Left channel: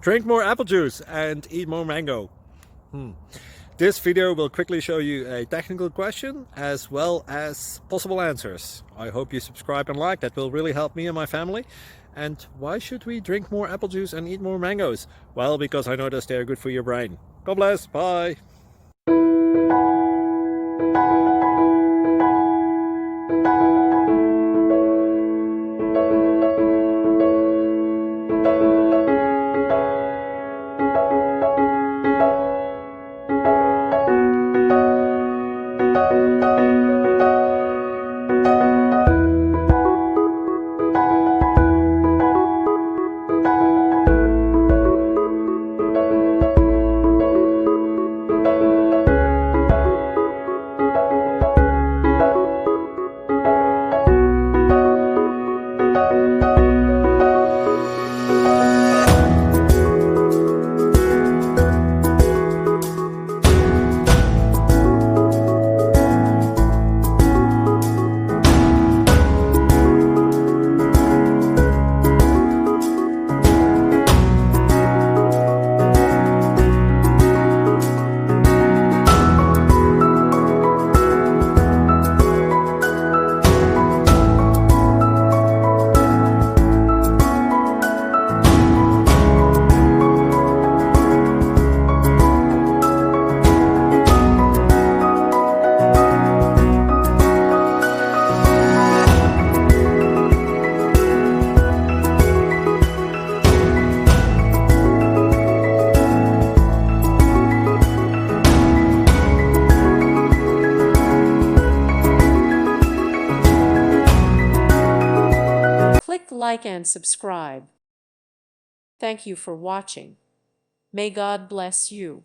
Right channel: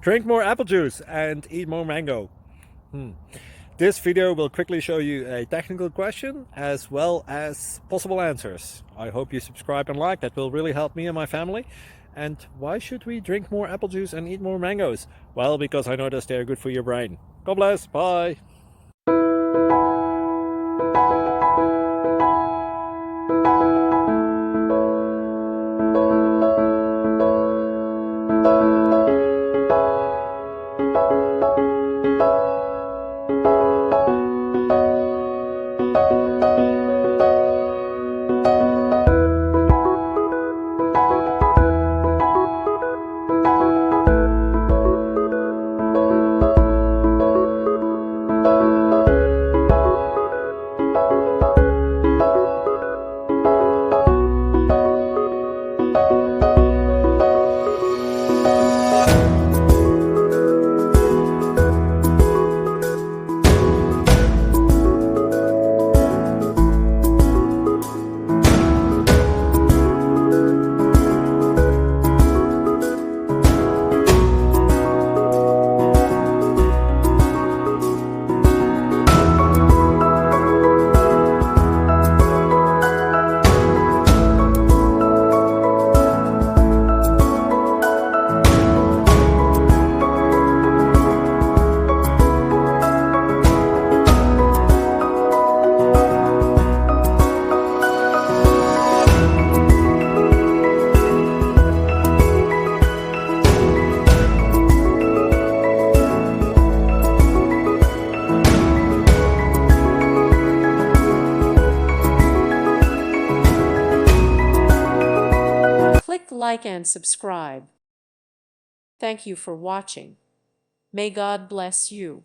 Drink more apple juice and eat more mango. This video will quickly show you a technical question as well as possible answers. I hope you subscribe and like, that will really help me and my family. And why should we drink more apple juice and eat more mangoes? Well, because I noticed they're good for your brain. God bless, bye! Click like and subscribe. Thank you for watching. May God bless you.